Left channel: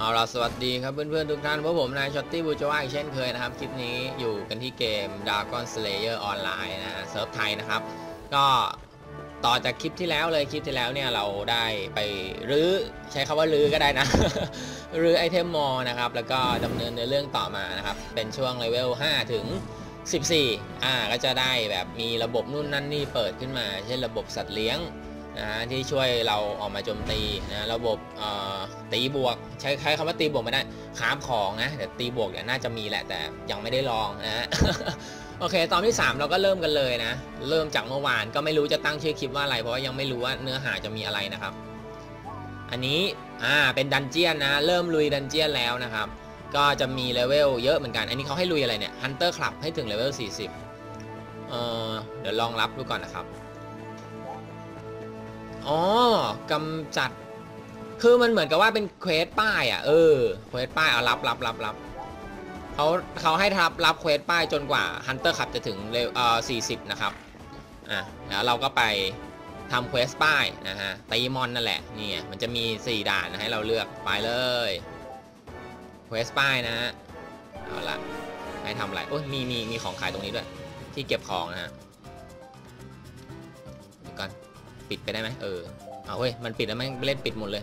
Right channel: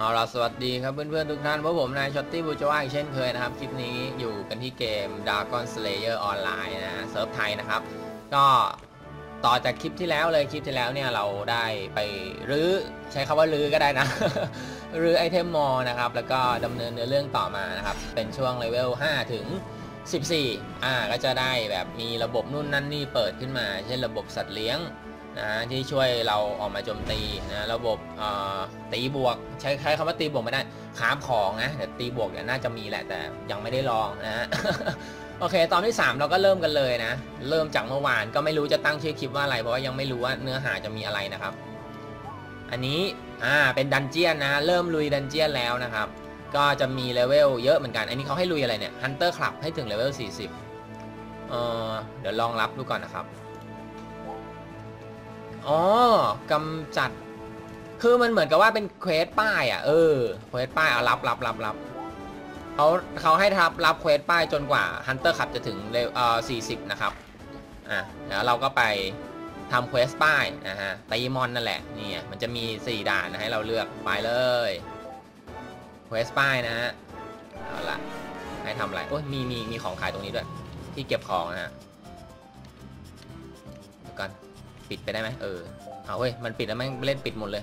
เอาล่ะสวัสดีครับเพื่อนๆทุกท่านพวกผมนายช็อตตี้บูจว่าอีกเช่นเคยนะครับ คลิปนี้อยู่กันที่เกม Dragon Slayer Online นะเซิร์ฟไทยนะครับ ก็ต่อจากคลิปที่แล้วเลยคลิปที่แล้วเนี่ยเราได้ไปรื้อใช้คำว่ารื้อก็ได้นะ รื้อไอเทมมอนะครับ แล้วก็ดำเนินในเรื่องต่อมานะครับ เป็นช่วงเลเวล 5 ถึง 14 อ่าก็จะได้แบบมีระบบนู่นนั่นนี่เปิดขึ้นมา เช่นระบบสัตว์เลี้ยง นะที่ช่วยเราออกมาโจมตีนะระบบตีบวก ใช้ใช้คำว่าตีบวกไม่ได้คราฟของนะแต่ตีบวกเนี่ยน่าจะมีแหละแต่ยังไม่ได้ลองนะโอเค ตอนที่ 3 เราก็เริ่มกันเลยนะ เริ่มจากเมื่อวานก็ไม่รู้จะตั้งชื่อคลิปว่าอะไร เพราะว่ายังไม่รู้ว่าเนื้อหาจะมีอะไรนะครับ อันนี้อ่าเป็นดันเจียนนะเริ่มลุยดันเจียนแล้วนะครับ ก็จะมีเลเวลเยอะเหมือนกัน อันนี้เขาให้ลุยอะไรเนี่ย Hunter Club ให้ถึงเลเวล40เอ่อเดี๋ยวลองรับดูก่อนนะครับ อ๋อกำจัด คือมันเหมือนกับว่าเป็นเควสป้ายอะ เออ เควสป้ายเอารับรับรับรับเขาเขาให้รับรับเควสป้ายจนกว่า Hunter Club จะถึงเลเวลเอ่อ40นะครับ อะเดี๋ยวเราก็ไปทำเควสป้ายนะฮะตีมอนนั่นแหละ นี่มันจะมี4ด่านให้เราเลือกไปเลยเควสป้ายนะฮะ เอาละให้ทำอะไร โอ้ยมีมีมีของขายตรงนี้ด้วย ที่เก็บของนะฮะเดี๋ยวกัน ปิดไปได้ไหมเออเอาเฮ้ยมันปิดแล้วแม่งเล่นปิดหมดเลย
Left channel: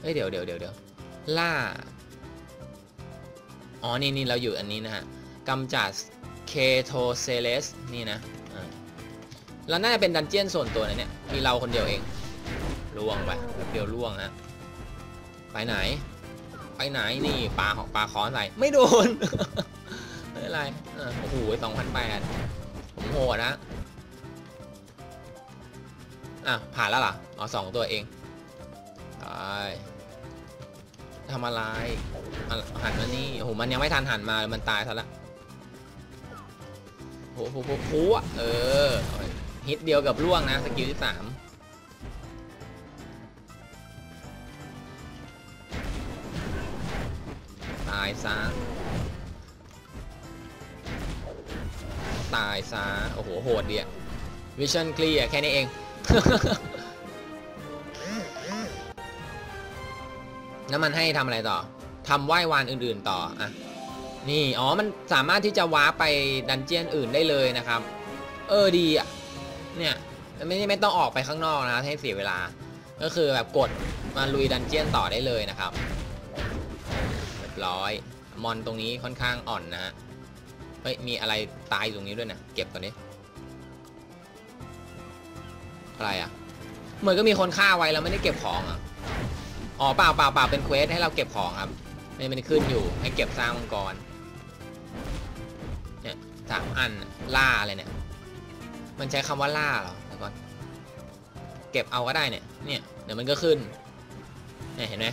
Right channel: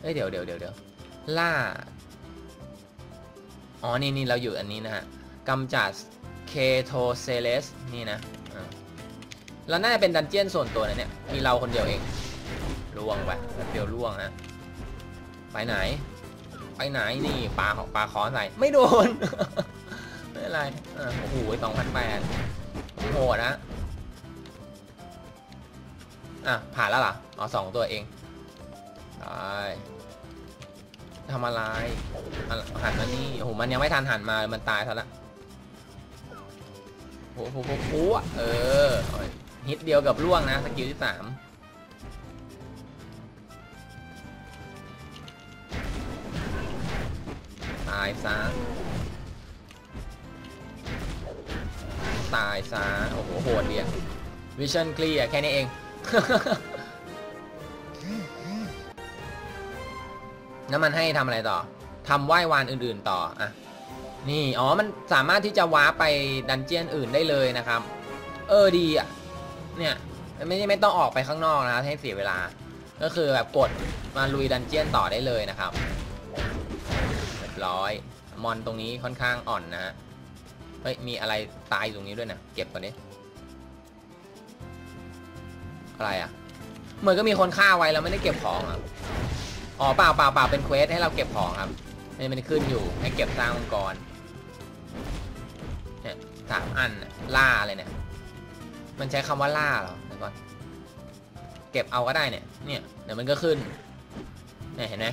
เฮ้ยเดี๋ยวเดี๋ยวเดี๋ยวเดี๋ยวล่าอ๋อนี่นี่เราอยู่อันนี้นะฮะกำจัดเคโทเซเลสนี่นะแล้วน่าจะเป็นดันเจียนส่วนตัวนะเนี่ยมีเราคนเดียวเองล่วงไปเดียวล่วงฮะไปไหน ไปไหนนี่ปลาปลาคอใส่ไม่โดนไม่เป็นไรโอ้โหสองพันแปดโหดนะ อะ ผ่านแล้วเหรอ อ๋อสองตัวเองไปทำอะไรหันมานี่โอ้โหมันยังไม่ทันหันมา มันตายซะละโอ้โหโอ้โหเออ ฮิตเดียวกับล่วงนะ สกิลที่สามตายซะตายซะโอ้โห โหดเดียวิชั่นคลียแค่นี้เอง แล้วมันให้ทำอะไรต่อทำไหว้วานอื่นๆต่ออะนี่ อ๋อ มันสามารถที่จะว้าไปดันเจียนอื่นได้เลยนะครับ เออดีอะ เนี่ยไม่ไม่ต้องออกไปข้างนอกนะให้เสียเวลา ก็คือแบบกดมาลุยดันเจียนต่อได้เลยนะครับเรียบร้อย มอนตรงนี้ค่อนข้างอ่อนนะฮะ เฮ้ย มีอะไรตายอยู่ตรงนี้ด้วยนะเก็บก่อนดิ อะไรอะ เหมือนก็มีคนฆ่าไว้แล้วไม่ได้เก็บของอะอ๋อเปล่าเปล่าเปล่าเป็นเควสให้เราเก็บของครับนี่มันขึ้นอยู่ให้เก็บสร้างมังกรเนี่ยสามอันล่าอะไรเนี่ย มันใช้คำว่าล่าเหรอมังกรเก็บเอาก็ได้เนี่ยเนี่ยเดี๋ยวมันก็ขึ้นเนี่ยเห็นไหม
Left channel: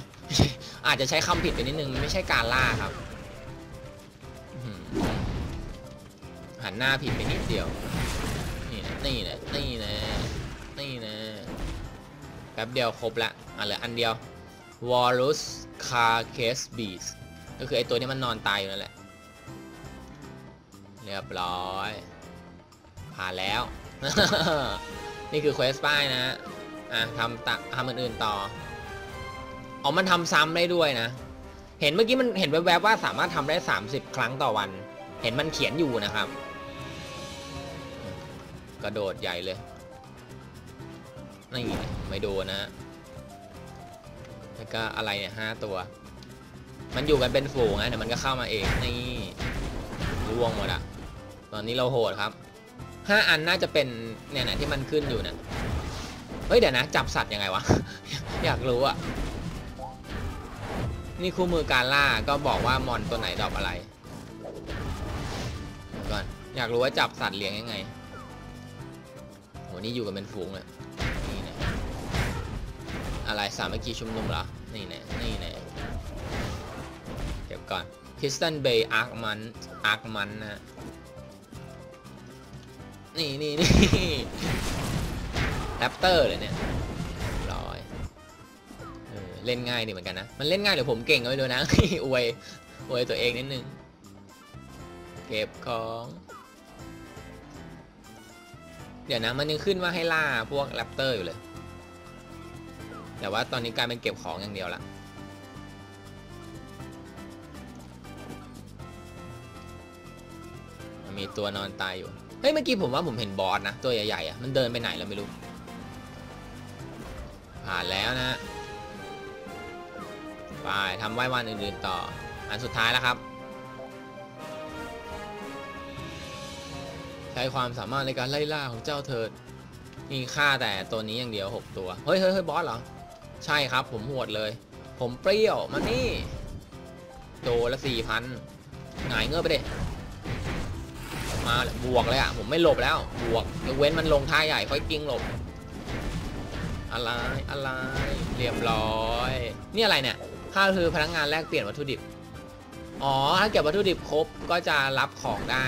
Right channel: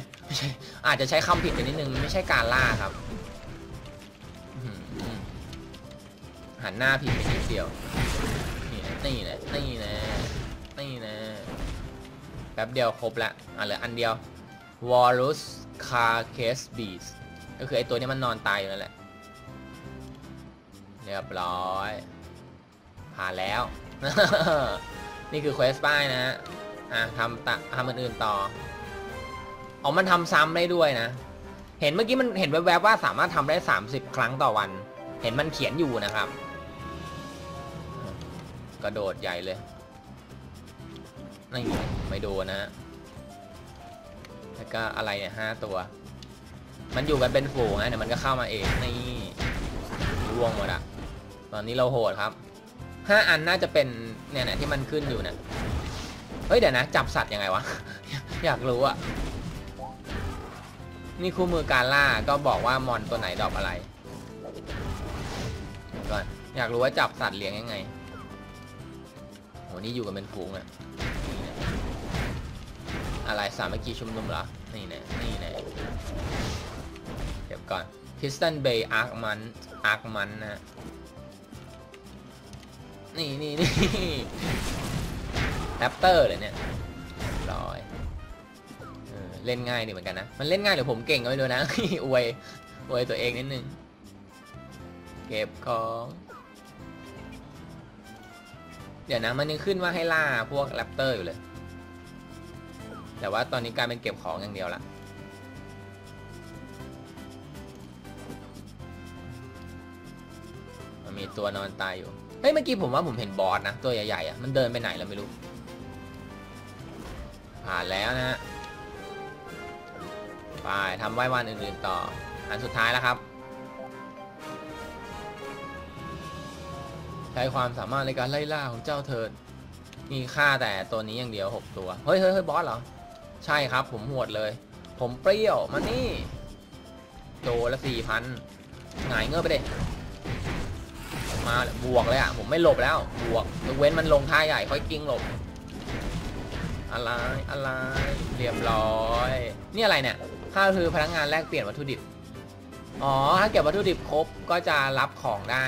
อาจจะใช้คำผิดไปนิดนึงไม่ใช่การล่าครับหันหน้าผิดไปนิดเดียวนี่นี่แหละนี่นะ นี่นะแป๊บเดียวครบละอะเหลืออันเดียว w a l r u s c a r c a s b e a s ก็คือไอตัวนี้มันนอนตายอยู่นั่นแหละ เรียบร้อย ผ่านแล้ว นี่คือเควสป้ายนะฮะอะทำตทำอื่นๆต่ออ๋อมันทำซ้ำได้ด้วยนะ เห็นเมื่อกี้มันเห็นแวบๆว่าสามารถทำได้ 30 ครั้งต่อวัน เห็นมันเขียนอยู่นะครับ กระโดดใหญ่เลย นี่ไม่โดนนะแล้วก็อะไรเนี่ยห้าตัว มันอยู่กันเป็นฝูงไงแต่มันก็เข้ามาเองนี่ร่วงหมดอะตอนนี้เราโหดครับห้าอันน่าจะเป็นเนี่ยนะที่มันขึ้นอยู่เนี่ยเฮ้ยเดี๋ยวนะ จับสัตว์ยังไงวะ อยากรู้อะนี่คู่มือการล่าก็บอกว่ามอนตัวไหนดอกอะไรก่อนอยากรู้ว่าจับสัตว์เลี้ยงยังไงโหนี่อยู่กันเป็นฝูงเลย อะไรสามัคคีชุมนุมเหรอ นี่แน่นี่แน่เดี๋ยวก่อน Piston Bay Arc Man Arc Man นนะนี่นี่นี่แรปเตอร์เลยเนี่ยร้อยเล่นง่ายดีเหมือนกันนะ มันเล่นง่ายหรือผมเก่งก็ไม่รู้นะอวยอวยตัวเองนิดนึง เก็บของ เดี๋ยวนะมันยังขึ้นว่าให้ล่าพวกแรปเตอร์อยู่เลย แต่ว่าตอนนี้การเป็นเก็บของอย่างเดียวละมันมีตัวนอนตายอยู่ เฮ้ยเมื่อกี้ผมว่าผมเห็นบอสนะ ตัวใหญ่ๆอะมันเดินไปไหนแล้วไม่รู้ ผ่านแล้วนะไปทำไหว้วันอื่นๆต่อ อันสุดท้ายแล้วครับ ใช้ความสามารถในการไล่ล่าของเจ้าเถิดมีค่าแต่ตัวนี้อย่างเดียว 6 ตัว เฮ้ยเฮ้ยบอสเหรอ ใช่ครับผมหวดเลย ผมเปรี้ยวมานี่โดละสี่พันหงายเงือบไปเด็มาบวกเลยอะผมไม่หลบแล้วบวกยกเว้นมันลงท่าใหญ่ค่อยกิ้งหลบ อะไรอะไรเรียบร้อยนี่อะไรเนี่ยค่าคือพนักงานแลกเปลี่ยนวัตถุดิบอ๋อถ้าเก็บวัตถุดิบครบก็จะรับของได้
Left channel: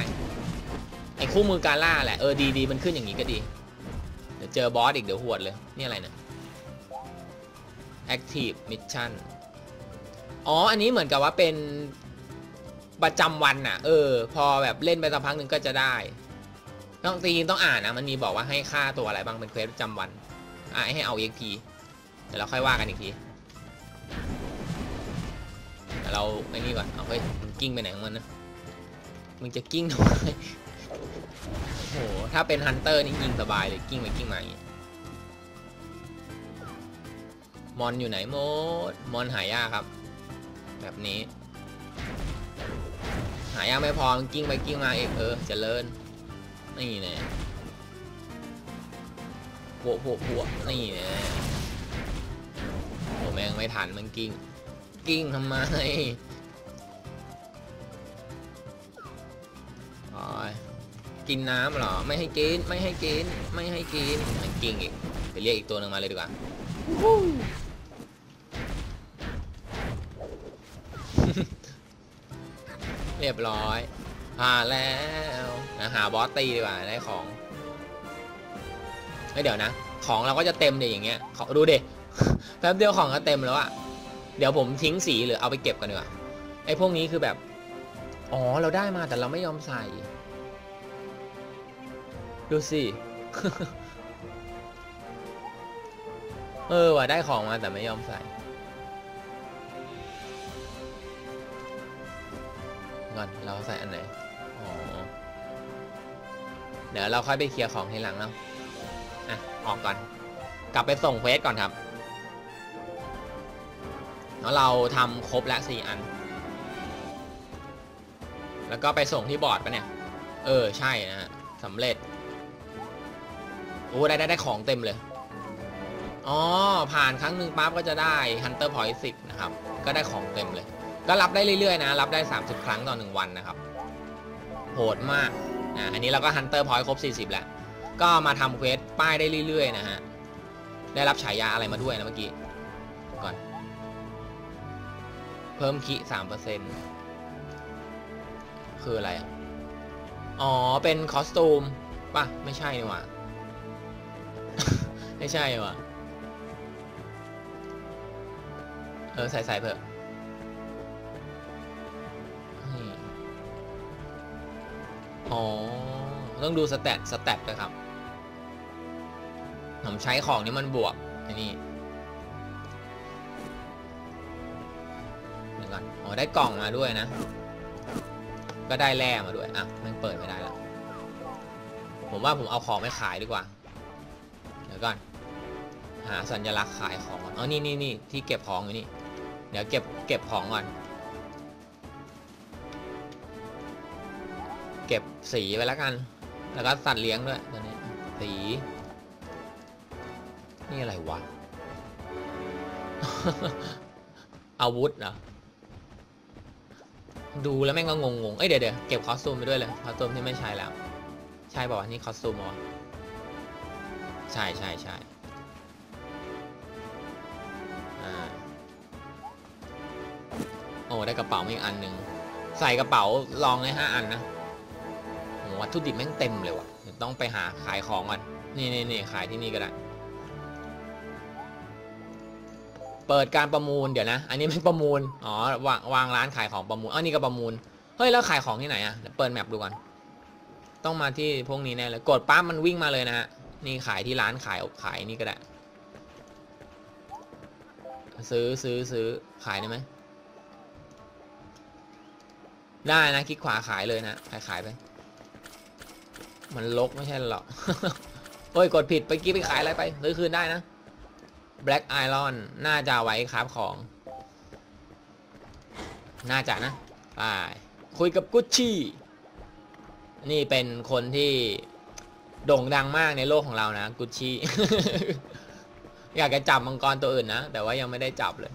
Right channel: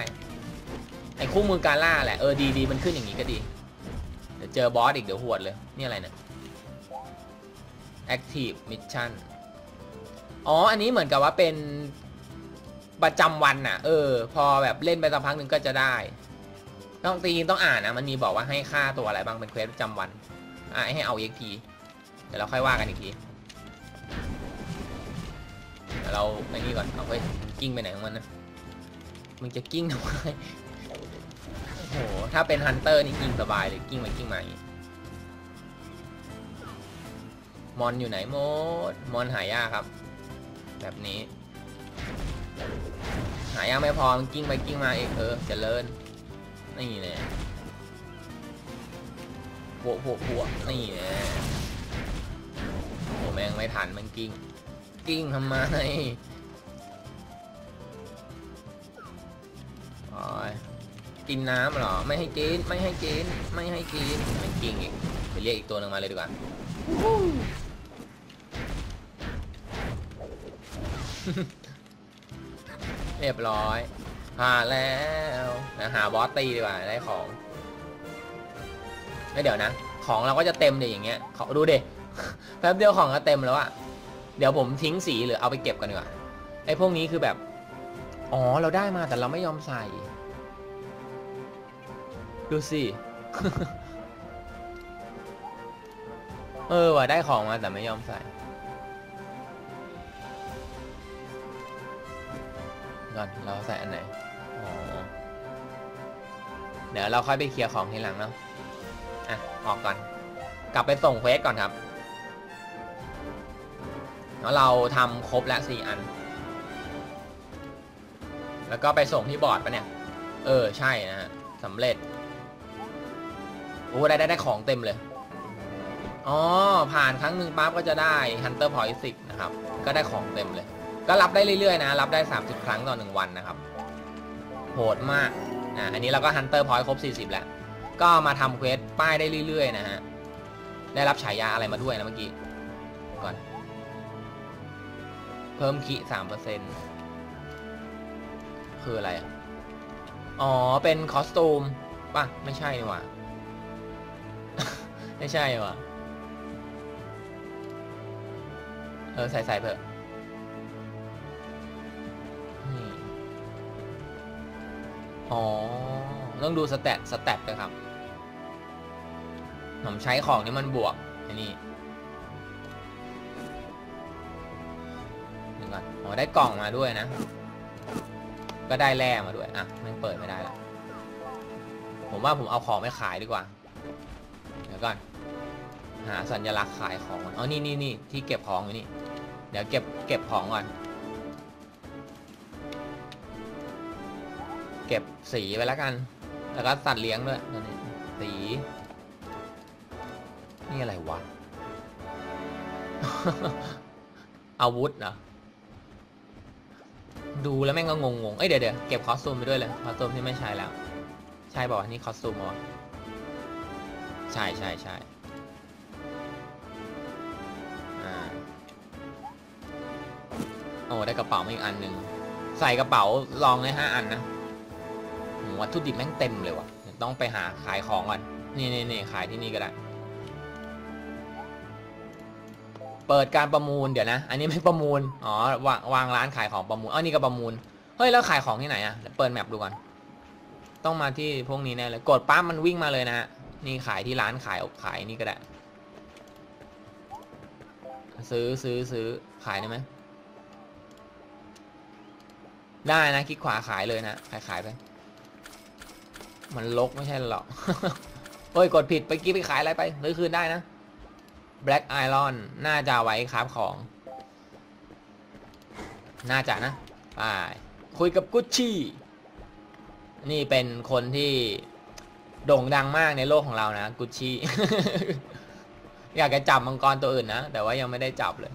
ไอ้คู่มือการล่าแหละเออดีดีมันขึ้นอย่างนี้ก็ดี เดี๋ยวเจอบอสอีกเดี๋ยวหวดเลย นี่อะไรเนี่ย Active Mission อ๋อ อันนี้เหมือนกับว่าเป็นประจำวันน่ะ เออ พอแบบเล่นไปสักพักหนึ่งก็จะได้ ต้องจริงๆต้องอ่านนะ มันมีบอกว่าให้ค่าตัวอะไรบ้างเป็นเควสประจำวัน อะให้เอา EXP เดี๋ยวเราค่อยว่ากันอีกทีเราไอ้นี่ก่อนเอาเฮ้ยกิ้งไปไหนของมันนะ มึงจะกิ้งทำไมโอ้โห ถ้าเป็นฮันเตอร์นี่ยิงสบายเลยกิ้งไปกิ้งมาอย่างงี้ มอนอยู่ไหนโมด มอนหายากครับ แบบนี้ หายากไม่พอกิ้งไปกิ้งมาเอกเออเจริญนี่เนี่ยโผล่โผล่โผล่นี่เนี่ยโอ้แมงไม่ทันมันกิ้ง กิ้งทำไมอ้ยกินน้ำหรอ ไม่ให้กิน ไม่ให้กิน ไม่ให้กิน มันกิ้งอีก ไปเรียกอีกตัวหนึ่งมาเลยดีกว่า เรียบร้อยผ่านแล้วหาบอสตีดีกว่าได้ของเดี๋ยวนะ ของเราก็จะเต็มเลยวอย่างเงี้ยขอดูเด็แป๊บเดียวของก็เต็มแล้วอะเดี๋ยวผมทิ้งสีหรือเอาไปเก็บกันดีกว่าไอ้พวกนี้คือแบบ อ๋อเราได้มาแต่เราไม่ยอมใส่ ดูสิเออว่ะได้ของมาแต่ไม่ยอมใส่ ก่อนเราใส่อันไหนอ๋อเดี๋ยวเราค่อยไปเคลียร์ของทีหลังเนาะอะออกก่อน กลับไปส่งเควสก่อนครับแล้วเราทำครบแล้วสี่อัน แล้วก็ไปส่งที่บอร์ดปะเนี่ย เออใช่นะฮะสำเร็จโอ้ได้ได้ได้ของเต็มเลย อ๋อ ผ่านครั้งหนึ่งปั๊บก็จะได้ Hunter Point 10 นะครับ ก็ได้ของเต็มเลย ก็รับได้เรื่อยๆนะ รับได้ 30 ครั้งต่อ 1 วันนะครับ โหดมากอ่าอันนี้เราก็ Hunter Point ครบ 40 แล้ว ก็มาทำเควสป้ายได้เรื่อยๆนะฮะ ได้รับฉายาอะไรมาด้วยนะเมื่อกี้ ก่อน เพิ่มคิ3%คืออะไร อ๋อ เป็นคอสตูมป่ะ ไม่ใช่นี่หว่า ไม่ใช่ว่ะ เออ ใส่ใส่เถอะ อ๋อ ต้องดูสแตทสแตทด้วยครับ ผมใช้ของนี่มันบวกไอ้นี่เดี๋ยวก่อนอ๋อ ได้กล่องมาด้วยนะ ก็ได้แร่มาด้วย อะ มันเปิดไม่ได้แล้ว ผมว่าผมเอาของไปขายดีกว่า เดี๋ยวก่อน หาสัญลักษณ์ขายของ อ๋อ นี่นี่นี่ที่เก็บของอยู่นี่ เดี๋ยวเก็บเก็บของก่อน เก็บสีไปแล้วกัน แล้วก็สัตว์เลี้ยงด้วยตอนนี้ สี นี่อะไรวะ อาวุธเหรอ ดูแล้วแม่งก็งงๆเอ้ยเดี๋ยวเดี๋ยวเก็บคอสตูมไปด้วยเลย คอสตูมที่ไม่ใช้แล้ว ใช่บอกว่านี่คอสตูมวะใช่ใช่ใช่อ่าโอ้ได้กระเป๋ามาอีกอันหนึ่งใส่กระเป๋าลองได้ห้าอันนะ วัตถุดิบแม่งเต็มเลยวะเดี๋ยวต้องไปหาขายของก่อน นี่นี่นี่ขายที่นี่ก็ได้ เปิดการประมูลเดี๋ยวนะ อันนี้ไม่ประมูล อ๋อวางวางร้านขายของประมูลอ๋อนี่ก็ประมูล เฮ้ยแล้วขายของที่ไหนอะเดี๋ยวเปิดแมปดูก่อน ต้องมาที่พวกนี้แน่เลย กดปั๊บมันวิ่งมาเลยนะฮะ นี่ขายที่ร้านขายขายนี่ก็ได้ ซื้อซื้อซื้อขายได้ไหมได้นะคลิกขวาขายเลยนะขายขายไป มันลกไม่ใช่หรอกเฮ้ย กดผิดไปกี้ไปขายอะไรไปซื้อคืนได้นะ Black Iron น่าจะไว้ครับของ น่าจะนะไปคุยกับกุชชี่ นี่เป็นคนที่โด่งดังมากในโลกของเรานะ กุชชี่ อยากจะจับมังกรตัวอื่นนะ แต่ว่ายังไม่ได้จับเลย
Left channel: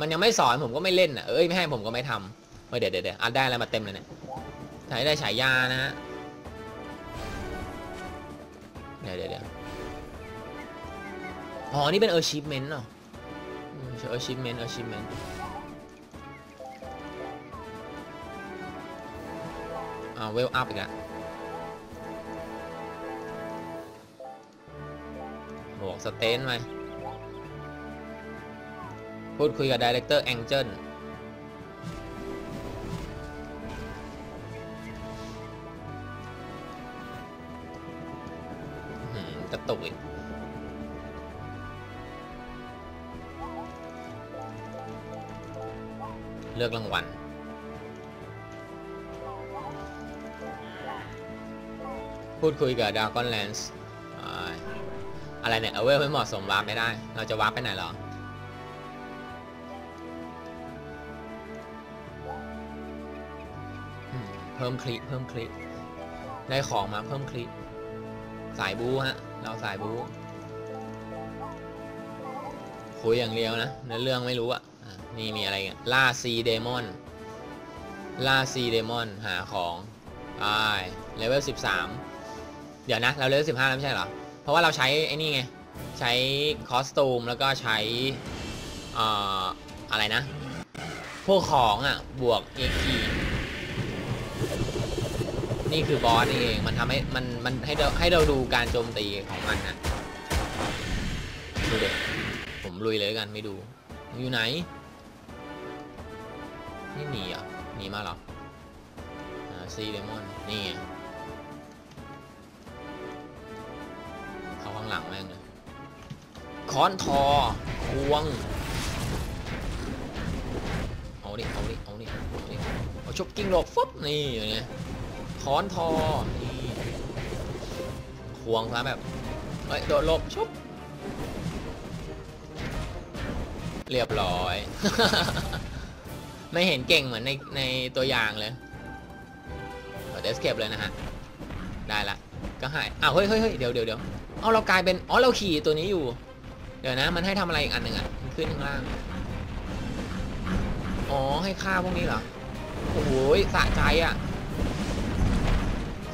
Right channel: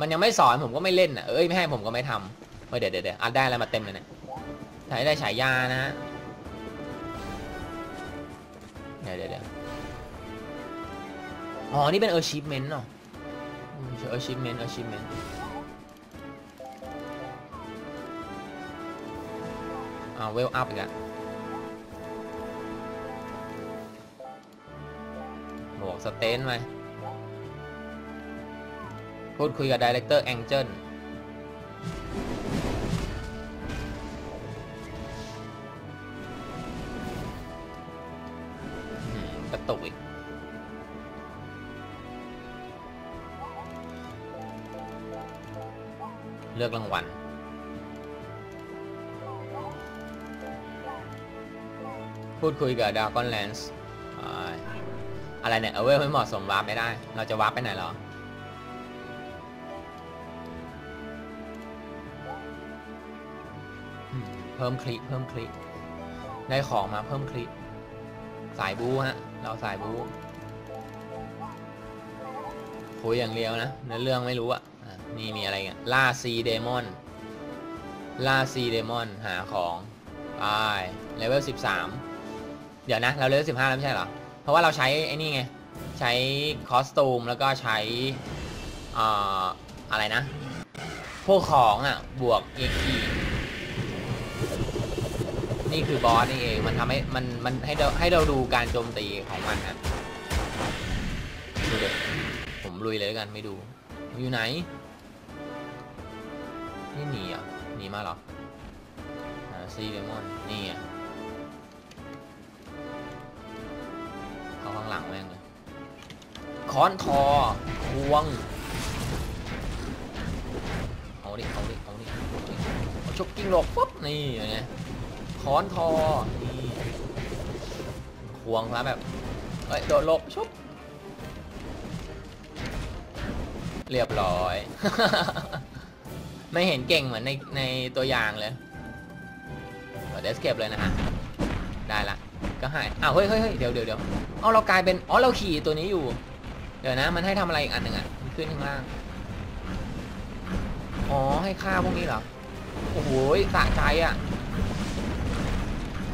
มันยังไม่สอนผมก็ไม่เล่นอะเอ้ยไม่ให้ผมก็ไม่ทำเฮ้ยเดี๋ยวเดี๋ยวเดี๋ยวอัดได้อะไรมาเต็มเลยเนี่ยได้ฉายานะฮะ เดี๋ยวเดี๋ยวเดี๋ยวอ๋อ นี่เป็น achievement เนาะอืม achievement achievement อ่าเวลอัพอีกแล้วบวกสเตนไหมพูดคุยกับ Director Angel อื้อ เลือกรางวัลพูดคุยกับด a กอนแลนส์อะไรเนี่ยเอาเวลไม่เหมาะสมวาร์ปไม่ได้ เราจะวาร์ปไปไหนหรอ เพิ่มคลิปเพิ่มคลิปได้ของมาเพิ่มคลิปสายบูฮะ เราสายบูคุยอย่างเดียวนะในเรื่องไม่รู้อะ นี่มีอะไรกันล่าซีเดมอนล่าซีเดมอนหาของไปเลเวลสิบสามเดี๋ยวนะเราเลเวลสิบห้าแล้วไม่ใช่เหรอ เพราะว่าเราใช้ไอ้นี่ไง ใช้คอสตูมแล้วก็ใช้เอ่ออะไรนะ พวกของอะ บวก AP นี่คือบอสนี่เองมันทำให้มันมันให้เราให้เราดูการโจมตีของมันนะดูเด็ผมลุยเลยกันไม่ดูอยู่ไหน นี่หนีอะหนีมาหรอซีเดมอนนี่เขาข้างหลังแม่งเลยค้อนทอควงเอาดิเอาดิเอาดิเอาชกกิ้งหลอกฟุ๊บนี่อย่างเงี้ยค้อนทอนี่ควงแล้วแบบเอ้ยโดดหลบชุบเรียบร้อย ไม่เห็นเก่งเหมือนในในตัวอย่างเลยเดี๋ยวเก็บเลยนะฮะ ได้ละ ก็ให้อ้าวเฮ้ยเฮ้ยเดี๋ยวเดี๋ยวเดี๋ยวเอเรากลายเป็น อ๋อ เราขี่ตัวนี้อยู่ เดี๋ยวนะ มันให้ทำอะไรอีกอันหนึ่งอะมันขึ้นข้างล่าง อ๋อ ให้ฆ่าพวกนี้เหรอ โอ้โหสะใจอะ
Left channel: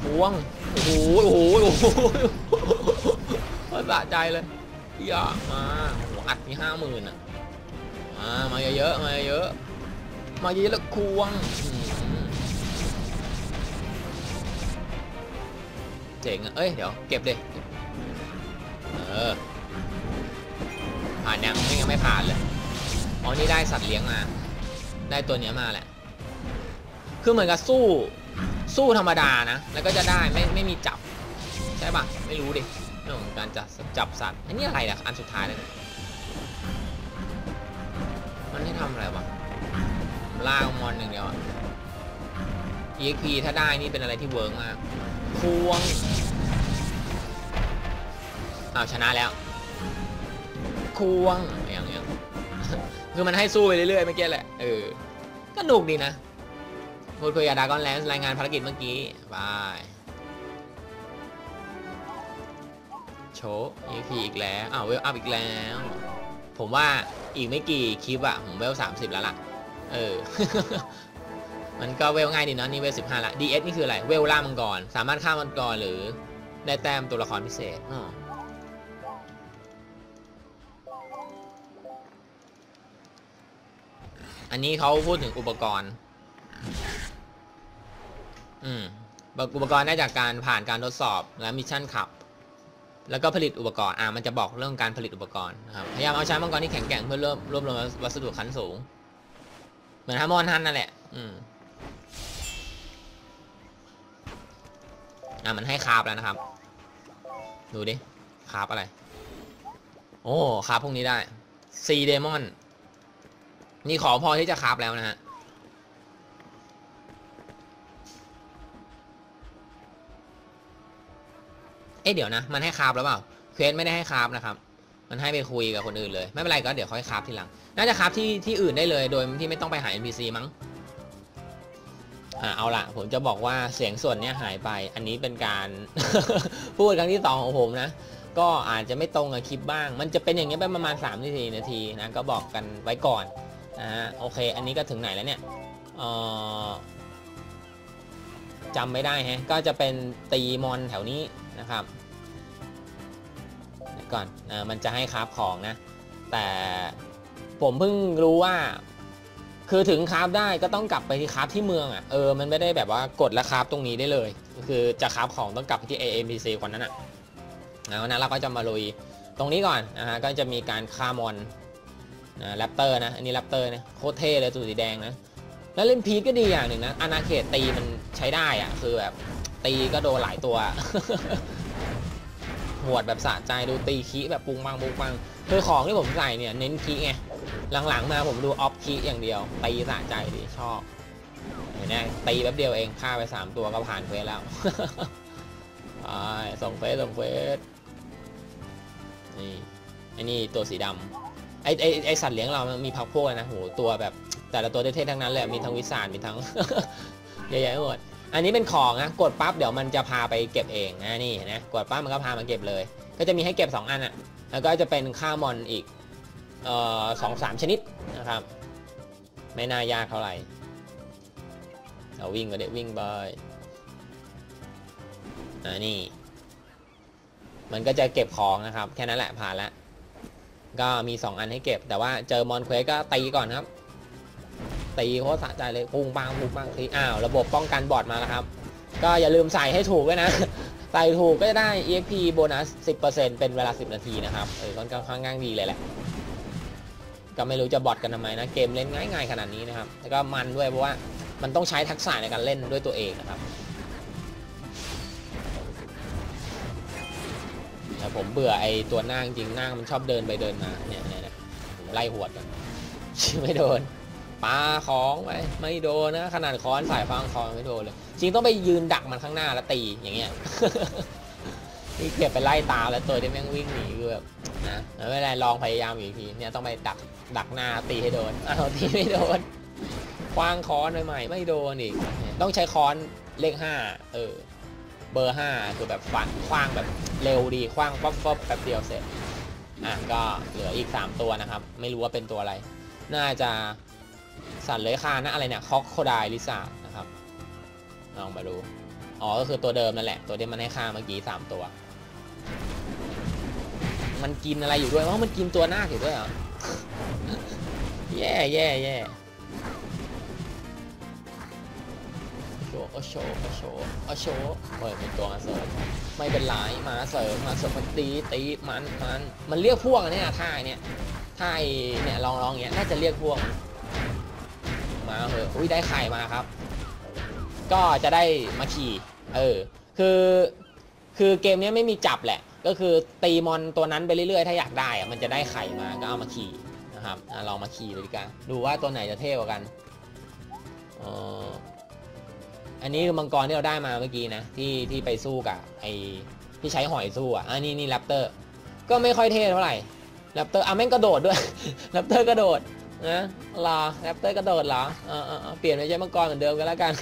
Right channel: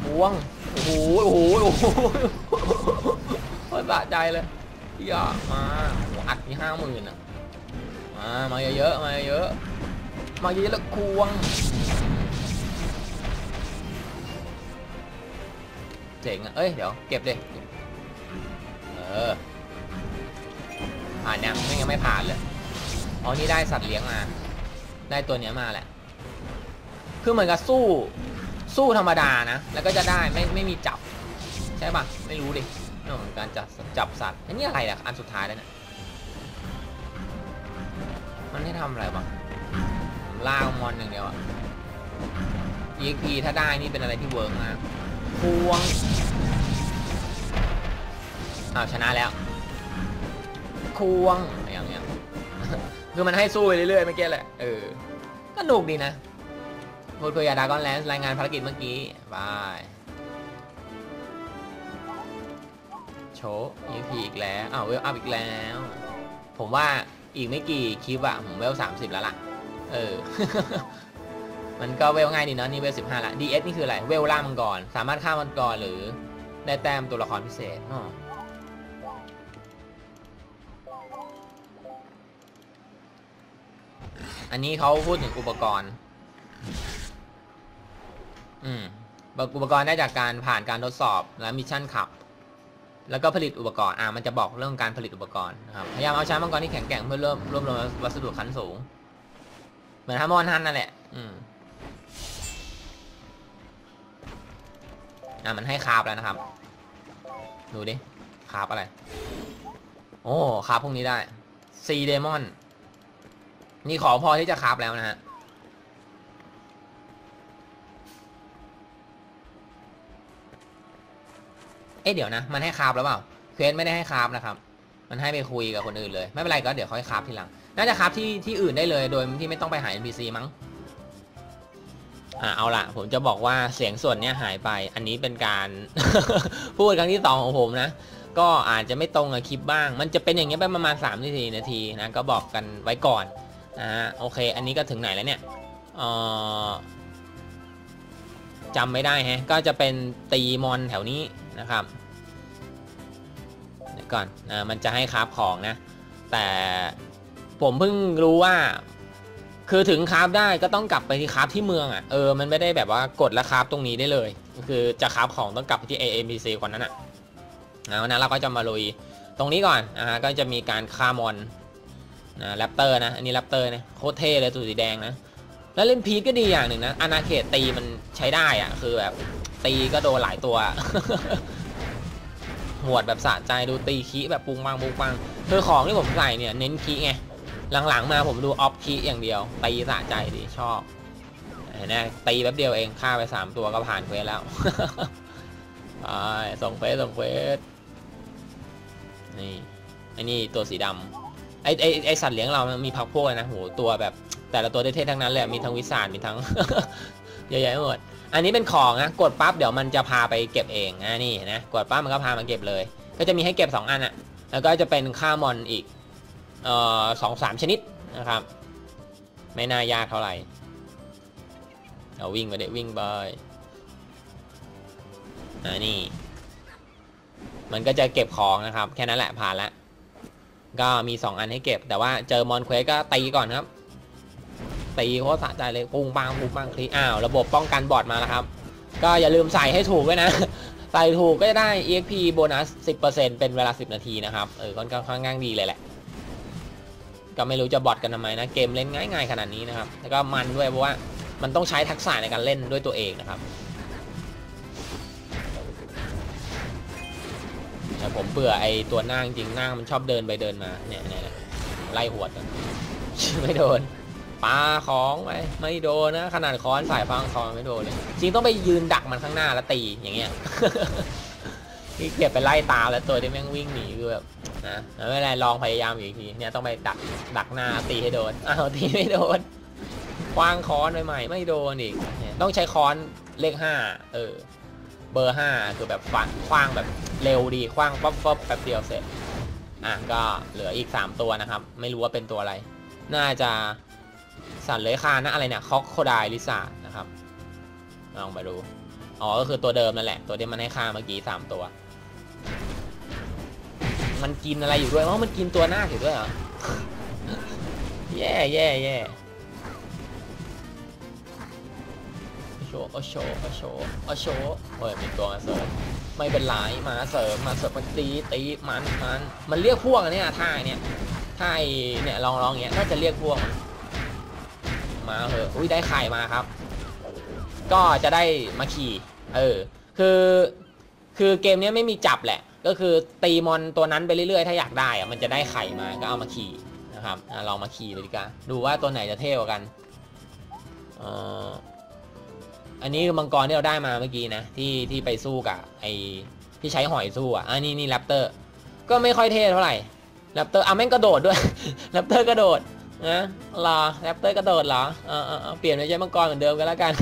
พวง โอ้โห โอ้โห โอ้โหสะใจเลยอยากมาอัดมีห้าหมื่นอะ มาเยอะๆ มาเยอะ มาเยอะแล้วควง เจ๋งอะ เอ้ย เดี๋ยว เก็บเลยเออผ่านแนวไม่งั้นไม่ผ่านเลยอ๋อนี่ได้สัตว์เลี้ยงมา ได้ตัวเนี้ยมาแหละ คือเหมือนกับสู้ สู้ธรรมดานะ แล้วก็จะได้ไม่ไม่มีจับ ใช่ปะไม่รู้ดิเรื่องของการจับจับสัตว์ อันนี้อะไรอะ อันสุดท้ายแล้วเนี่ย มันให้ทำอะไรบ้าง ล่ามอนอย่างเดียว EXP ถ้าได้นี่เป็นอะไรที่เวิร์กมากควงอ้าวชนะแล้วควงอย่างเงี้ยคือมันให้สู้ไปเรื่อยๆเมื่อกี้แหละ เออก็หนุกดีนะพูดคุยกับดากอนแลนส์รายงานภารกิจเมื่อกี้บายโชว์ EP อีกแล้วอ้าวเวลอัพอีกแล้ว ผมว่าอีกไม่กี่คลิปอะผมเวลสามสิบแล้วล่ะ เออ มันก็เวลง่ายดีเนาะนี่เวลสิบห้าละ DS นี่คืออะไร เวลล่ามังกร สามารถฆ่ามังกรหรือได้แต้มตัวละครพิเศษอ๋ออันนี้เขาพูดถึงอุปกรณ์ อืม อุปกรณ์ได้จากการผ่านการทดสอบและมิชชั่นขับ แล้วก็ผลิตอุปกรณ์ อ่า มันจะบอกเรื่องการผลิตอุปกรณ์นะครับ พยายามเอาใช้มังกรที่แข็งแกร่งเพื่อเริ่มรวบรวมวัสดุขั้นสูง เหมือนฮามอนทันนั่นแหละ อืมอะมันให้คาบแล้วนะครับ ดูดิคาบอะไร โอ้คาบพวกนี้ได้ซีเดมอน นี่ขอพอที่จะคาบแล้วนะฮะเอ๊ะเดี๋ยวนะ มันให้คาฟแล้วเปล่า เควสไม่ได้ให้คาฟนะครับ มันให้ไปคุยกับคนอื่นเลย ไม่เป็นไรก็เดี๋ยวค่อยคาฟทีหลัง น่าจะคราฟที่ที่อื่นได้เลยโดยที่ไม่ต้องไปหา NPC มั้งอ่าเอาละผมจะบอกว่าเสียงส่วนเนี้ยหายไป อันนี้เป็นการ พูดครั้งที่สองของผมนะ ก็อาจจะไม่ตรงกับคลิปบ้าง มันจะเป็นอย่างเงี้ยไปประมาณ3นาทีนาทีนะก็บอกกันไว้ก่อนนะฮะโอเค อันนี้ก็ถึงไหนแล้วเนี่ยเออจำไม่ได้ฮะก็จะเป็นตีมอนแถวนี้นะครับเดี๋ยวก่อนนะมันจะให้คราฟของนะ แต่ ผมเพิ่งรู้ว่า คือถึงคราฟได้ก็ต้องกลับไปที่คราฟที่เมืองอะเออมันไม่ได้แบบว่ากดแล้วคราฟตรงนี้ได้เลย คือจะคราฟของต้องกลับที่ AMPC คนนั้นอะนะวันนั้นเราก็จะมาลุยตรงนี้ก่อนนะฮะก็จะมีการฆ่ามอนนะแรปเตอร์นะอันนี้แรปเตอร์นะโคตรเท่เลยตัวสีแดงนะแล้วเล่นพีทก็ดีอย่างหนึ่งนะอนาเขตตีมันใช้ได้อะคือแบบตีก็โดนหลายตัวหวดแบบสะใจดูตีคีแบบปุงปังปุงปังคือของที่ผมใส่เนี่ยเน้นคีไง หลังๆมาผมดูออฟคีอย่างเดียวตีสะใจดีชอบเห็นไหมตีแป๊บเดียวเองฆ่าไป3ตัวก็ผ่านเควสแล้วไปส่งเฟสส่งเฟสนี่ไอ้นี่ตัวสีดำไอ้ไอ้ไอ้สัตว์เลี้ยงเรามันมีพักพวกนะโหตัวแบบ แต่ละตัวเท่ทั้งนั้นเลยมีทั้งวิสานมีทั้งเยอะแยะหมดอันนี้เป็นของนะกดปั๊บเดี๋ยวมันจะพาไปเก็บเองนะนี่นะกดปั๊บมันก็พามาเก็บเลย ก็จะมีให้เก็บ 2 อันอะแล้วก็จะเป็นค่ามอนอีก สองสามชนิดนะครับ ไม่น่ายากเท่าไหร่เอาวิ่งไปเด็วิ่งไปอ่านี่ มันก็จะเก็บของนะครับ แค่นั้นแหละผ่านแล้วก็มี 2 อันให้เก็บ แต่ว่าเจอมอนเควสก็ตีก่อนครับ ตีโคตรสะใจเลยปุ้งปังปุ้งปังคลิอ้าว ระบบป้องกันบอดมาแล้วครับ ก็อย่าลืมใส่ให้ถูกด้วยนะ ใส่ถูกก็จะได้ EXP โบนัส 10%เป็นเวลา 10 นาทีนะครับ เออค่อนข้างง่างดีเลยแหละ ก็ไม่รู้จะบอทกันทำไมนะเกมเล่นง่าย ๆ ขนาดนี้นะครับแล้วก็มันด้วยเพราะว่ามันต้องใช้ทักษะในการเล่นด้วยตัวเองนะครับแต่ผมเบื่อไอตัวหน้าจริงๆหน้ามันชอบเดินไปเดินมาเนี่ยไล่หวดไม่โดนปาของไปไม่โดนนะขนาดค้อนฝ่ายฟังคองไม่โดนเลยจริงต้องไปยืนดักมันข้างหน้าแล้วตีอย่างเงี้ย ที่เกียจไปไล่ตามแล้วตัวที่แม่งวิ่งหนีคือแบบนะแล้วไม่ได้ลองพยายามอีกทีเนี่ยต้องไปดักดักหน้าตีให้โดนอ้าวตีไม่โดนคว้างค้อนใหม่ๆไม่โดนอีก ต้องใช้ค้อนเลขห้าเออ เบอร์ห้าคือแบบฟันคว้างแบบเร็วดีคว้างป๊อปป๊อปแป๊บเดียวเสร็จอะก็เหลืออีก3ตัวนะครับ ไม่รู้ว่าเป็นตัวอะไร น่าจะสัตว์เลื้อยคลานนะอะไรเนี่ยคอกโคไดลิซ่านะครับลองไปดูอ๋อก็คือตัวเดิมนั่นแหละ ตัวที่มันให้ค่าเมื่อกี้สามตัว มันกินอะไรอยู่ด้วยอ๋อมันกินตัวหน้าอยู่ด้วยเหรอแย่แย่แย่โชว์โอโชว์โอโชว์โอโชว์เปิดเป็นตัวมาเสริมไม่เป็นไรมาเสริมมาเสริมมันตีตีมันมันมันเรียกพวกเนี้ยท่าเนี้ยท่าเนี่ยลองลองเงี้ยน่าจะเรียกพวกมันมาเหอะอุ้ยได้ไข่มาครับ ก็จะได้มาขี่เออคือคือเกมนี้ไม่มีจับแหละ ก็คือตีมอนตัวนั้นไปเรื่อยๆ ถ้าอยากได้อะมันจะได้ไข่มาก็เอามาขี่นะครับอลองมาขี่เลยดีกว่าดูว่าตัวไหนจะเท่กว่ากันอันนี้คือมังกรที่เราได้มาเมื่อกี้นะที่ที่ไปสู้กับไอที่ใช้หอยสู้อะอันนี้นี่แรปเตอร์ ก็ไม่ค่อยเท่เท่าไหร่แรปเตอร์อะแม่งกระโดดด้วยแรปเตอร์กระโดดนะรอแรปเตอร์กระโดดเหรอเออเออเออเปลี่ยนไปใช้มังกรเหมือนเดิมกันแล้วกัน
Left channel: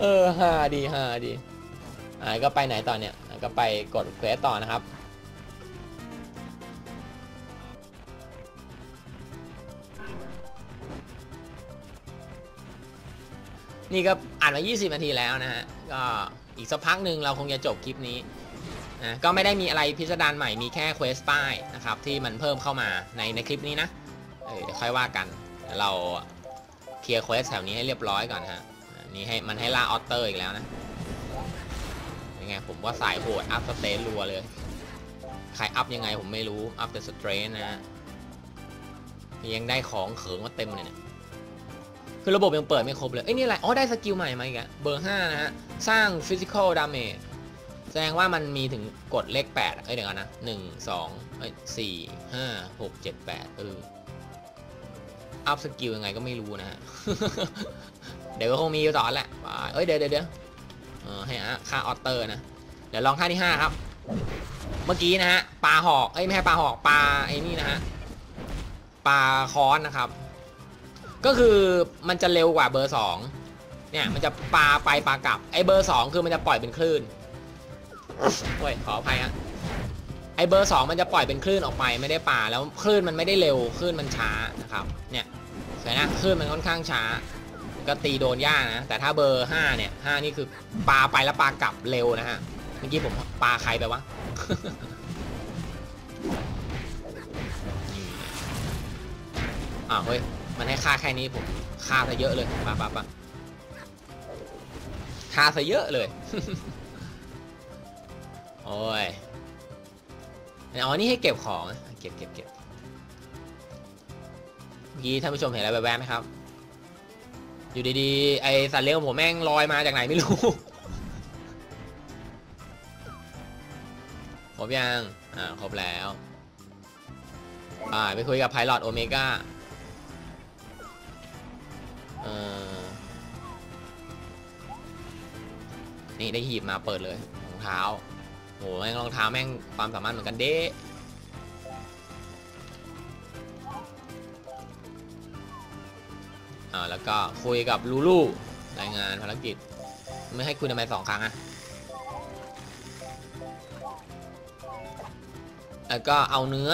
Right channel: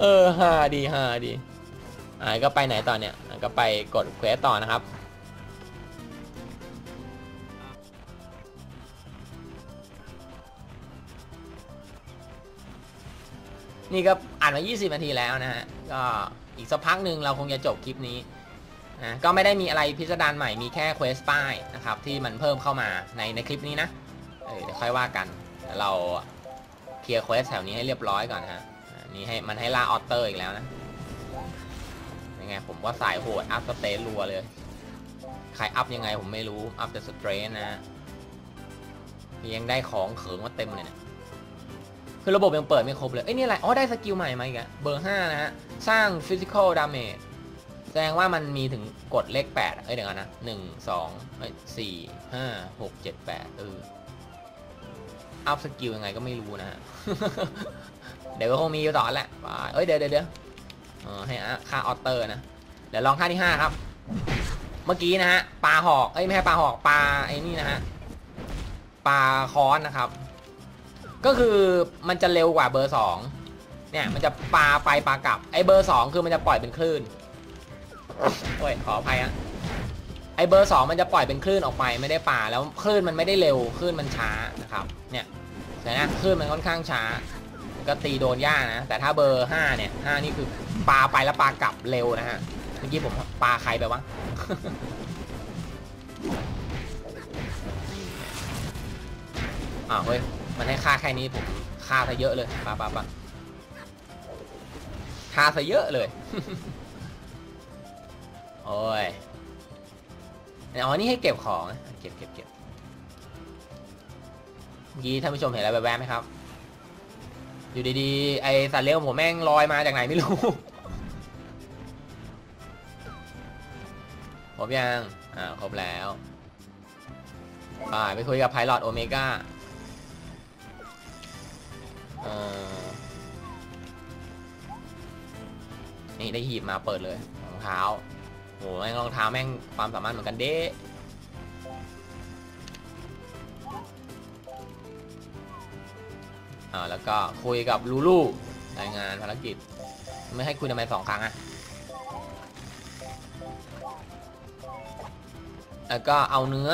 เออฮาดีฮาดี อ่าก็ไปไหนต่อเนี่ยอะก็ไปกดเควสต่อนะครับนี่ก็อ่านมา 20 นาทีแล้วนะฮะ ก็อีกสักพักหนึ่งเราคงจะจบคลิปนี้นะก็ไม่ได้มีอะไรพิสดารใหม่ มีแค่เควสป้ายนะครับ ที่มันเพิ่มเข้ามาในในคลิปนี้นะ เออเดี๋ยวค่อยว่ากัน เราเคลียร์เควสแถวนี้ให้เรียบร้อยก่อนฮะอันนี้ให้มันให้ล่าออเตอร์อีกแล้วนะ ไง ผมว่าสายโหดอัพสเตนรัวเลย ใครอัพยังไงผมไม่รู้ อัพแต่สเตรนนะฮะยังได้ของเขิงมาเต็มเลยเนี่ยคือระบบยังเปิดไม่ครบเลย เอ้ยนี่อะไร อ๋อ ได้สกิลใหม่มาอีกอะเบอร์5นะฮะ สร้าง physical damage แสดงว่ามันมีถึงกดเลข 8 เอ้ยเดี๋ยวก่อนนะ1 2เอ้ย4 5 6 7 8เอออัพสกิลยังไงก็ไม่รู้นะฮะ เดี๋ยวก็คงมีสอแหละ เอ้ยเดี๋ยวเดี๋ยว เออให้ค่าออเตอร์นะเดี๋ยวลองท่าที่ห้าครับ เมื่อกี้นะฮะปลาหอกเอ้ยไม่ใช่ปลาหอกปลาไอ้นี่นะฮะปลาค้อนนะครับ ก็คือมันจะเร็วกว่าเบอร์สองเนี่ยมันจะปลาไปปลากลับไอ้เบอร์สองคือมันจะปล่อยเป็นคลื่นเฮ้ยขออภัยอะไอ้เบอร์สองมันจะปล่อยเป็นคลื่นออกไปไม่ได้ปลาแล้วคลื่นมันไม่ได้เร็วคลื่นมันช้านะครับ เนี่ยเห็นไหมคลื่นมันค่อนข้างช้า ก็ตีโดนยานะ แต่ถ้าเบอร์ห้าเนี่ยห้านี่คือปลาไปแล้วปลากลับเร็วนะฮะ เมื่อกี้ผมปลาใครไปวะอ้าวเฮ้ย มันให้ค่าแค่นี้ผมค่าซะเยอะเลยปะปะปะค่าซะเยอะเลย โอ้ยอ๋อ นี่ให้เก็บของ เก็บเก็บเก็บเมื่อกี้ท่านผู้ชมเห็นอะไรแวบๆไหมครับ อยู่ดีๆ ไอสัตว์เลี้ยงของผมแม่งลอยมาจากไหนไม่รู้ ครบยัง อ่า ครบแล้ว อ่า ไปคุยกับไพลอตโอเมก้าเออนี่ได้หีบมาเปิดเลยรองเท้าโหแม่งรองเท้าแม่งความสามารถเหมือนกันเด้ อ่าแล้วก็คุยกับลูลูรายงานภารกิจ ไม่ให้คุยทำไมสองครั้งอะแล้วก็เอาเนื้อ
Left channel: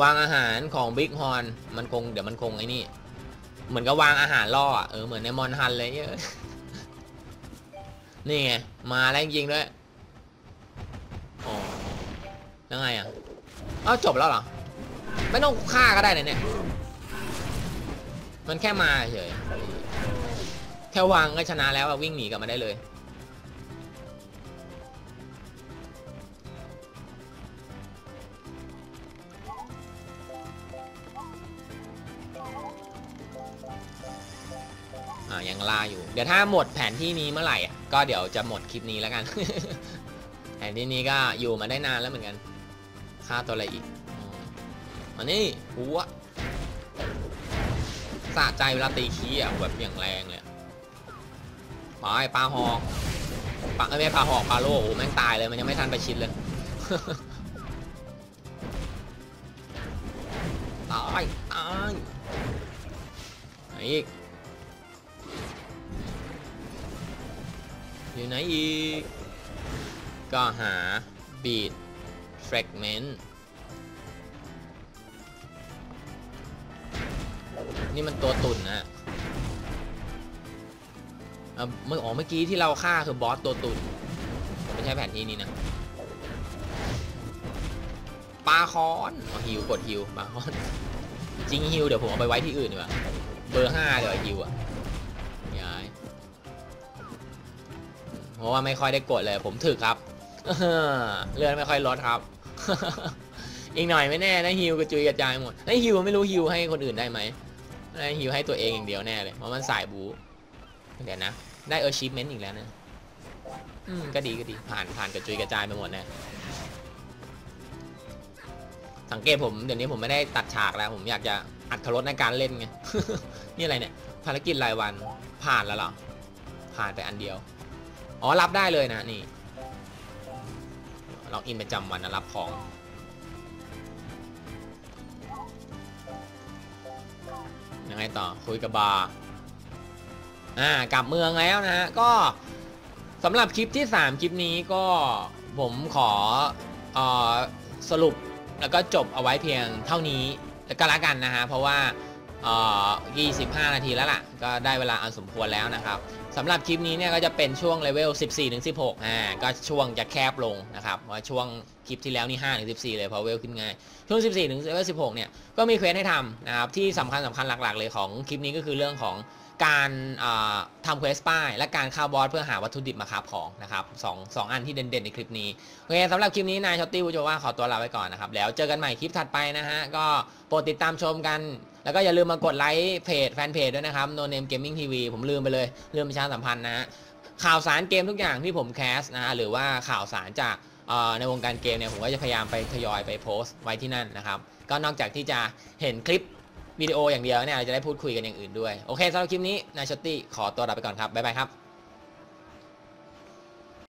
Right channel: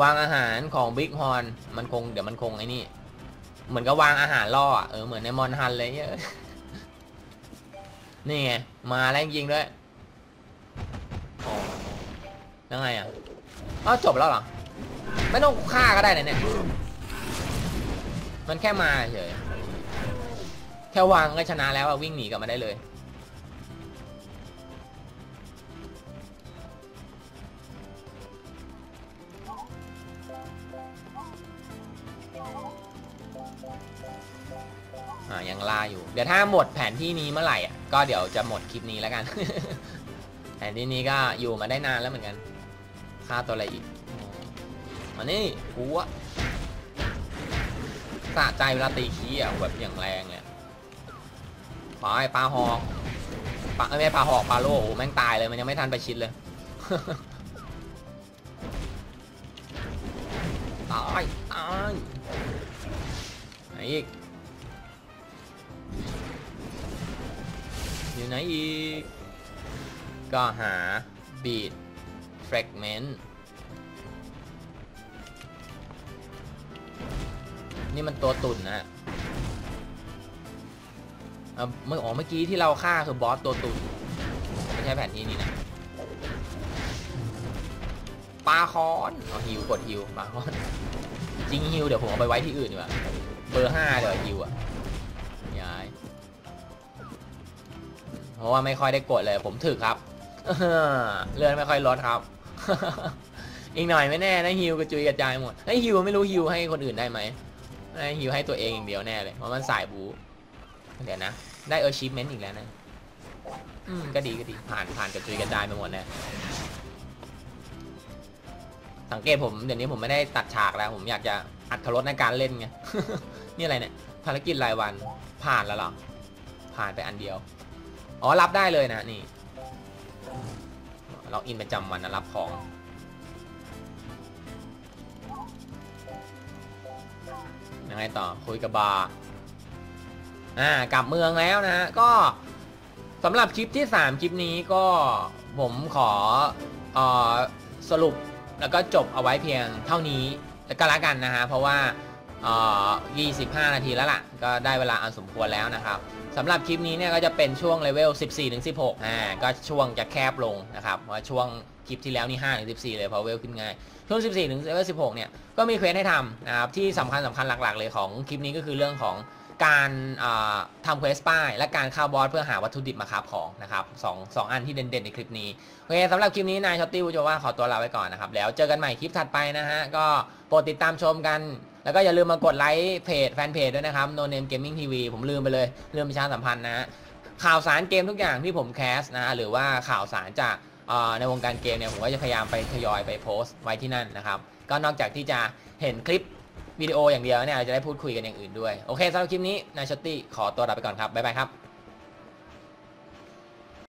วางอาหารของบิ๊กฮอนมันคงเดี๋ยวมันคงไอ้นี่ เหมือนกับวางอาหารล่อเออเหมือนในมอนฮันเลยเยอะนี่ไงมาแล้วจริงด้วยยังไงอะอ้าวจบแล้วเหรอ ไม่ต้องฆ่าก็ได้นะเนี่ย มันแค่มาเฉยแค่วางก็ชนะแล้วอะวิ่งหนีกลับมาได้เลย อ่ายังล่าอยู่ เดี๋ยวถ้าหมดแผนที่นี้เมื่อไหร่อะก็เดี๋ยวจะหมดคลิปนี้แล้วกัน แผนที่นี้ก็อยู่มาได้นานแล้วเหมือนกัน ค่าตัวอะไรอีกอ๋ออันนี้หัว สะใจเวลาตีขี้อะแบบอย่างแรงเนี่ยขอไอ้ปลาหอกปลาไม่ใช่ปลาหอกปลาโลโอ้แม่งตายเลยมันยังไม่ทันไปชิดเลยตายตายไหนอีกอยู่ไหนอีกก็หา beat fragment นี่ นี่มันตัวตุ่นนะเมื่ออ๋อเมื่อกี้ที่เราฆ่าคือบอสตัวตุ่นไม่ใช่แผนที่นี้นะปลาคอนฮิวกดฮิวปลาคอนจริงฮิวเดี๋ยวผมเอาไปไว้ที่อื่นดีกว่าเบอร์ห้าเลยฮิวอะย้ายเพราะว่าไม่ค่อยได้กดเลยผมถึกครับเลือนไม่ค่อยลดครับ อีกหน่อยไม่แน่นะฮิวกระจุยกระจายหมดไอ้ฮิวไม่รู้ฮิวให้คนอื่นได้ไหม ฮิวให้ตัวเองอย่างเดียวแน่เลยเพราะมันสายบูเดี๋ยวนะ ได้เออชิปเมนต์อีกแล้วนะอืมก็ดีก็ดีผ่านผ่านกระจุยกระจายไปหมดน่สังเกตผมเดี๋ยวนี้ผมไม่ได้ตัดฉากแล้ว ผมอยากจะอัดทรสในการเล่นไงนี่อะไรเนี่ยภารกิจรายวันผ่านแล้วหรอผ่านไปอันเดียวอ๋อรับได้เลยนะนี่ล็อกอินประจำวันนะรับของ ยังไงต่อคุยกับบาร์อ่ากลับเมืองแล้วนะฮะก็สำหรับคลิปที่ 3 คลิปนี้ก็ผมขออสรุปแล้วก็จบเอาไว้เพียงเท่านี้แล้วก็แล้วกันนะฮะเพราะว่าเอ่อ25 นาทีแล้วล่ะ ก็ได้เวลาอันสมควรแล้วนะครับ สำหรับคลิปนี้เนี่ยก็จะเป็นช่วงเลเวล 14ถึง16อ่าก็ช่วงจะแคบลงนะครับเพราะช่วงคลิปที่แล้วนี่5ถึง14 เลยเพราะเวลขึ้นง่าย ช่วง 14ถึงเลเวล 16 เนี่ยก็มีเควสให้ทำนะครับที่สำคัญสำคัญหลักๆ เลยของคลิปนี้ก็คือเรื่องของการทำเควสป้าย และการเข้าบอสเพื่อหาวัตถุดิบมาคราของนะครับสองสองอันที่เด่นๆในคลิปนี้โอเคสำหรับคลิปนี้นายช็อตตี้วูโจว่าขอตัวลาไปก่อนนะครับแล้วเจอกันใหม่คลิปถัดไปนะฮะก็โปรดติดตามชมกัน แล้วก็อย่าลืมมากดไลค์เพจแฟนเพจด้วยนะครับ No Name Gaming TV ผมลืมไปเลยลืมประชาสัมพันธ์นะฮะข่าวสารเกมทุกอย่างที่ผมแคสนะฮะหรือว่าข่าวสารจากในวงการเกมเนี่ยผมก็จะพยายามไปทยอยไปโพสต์ไว้ที่นั่นนะครับ ก็นอกจากที่จะเห็นคลิปวิดีโออย่างเดียวเนี่ยเราจะได้พูดคุยกันอย่างอื่นด้วย โอเคสำหรับคลิปนี้นายช็อตตี้ขอตัวลาไปก่อนครับ บ๊ายบายครับ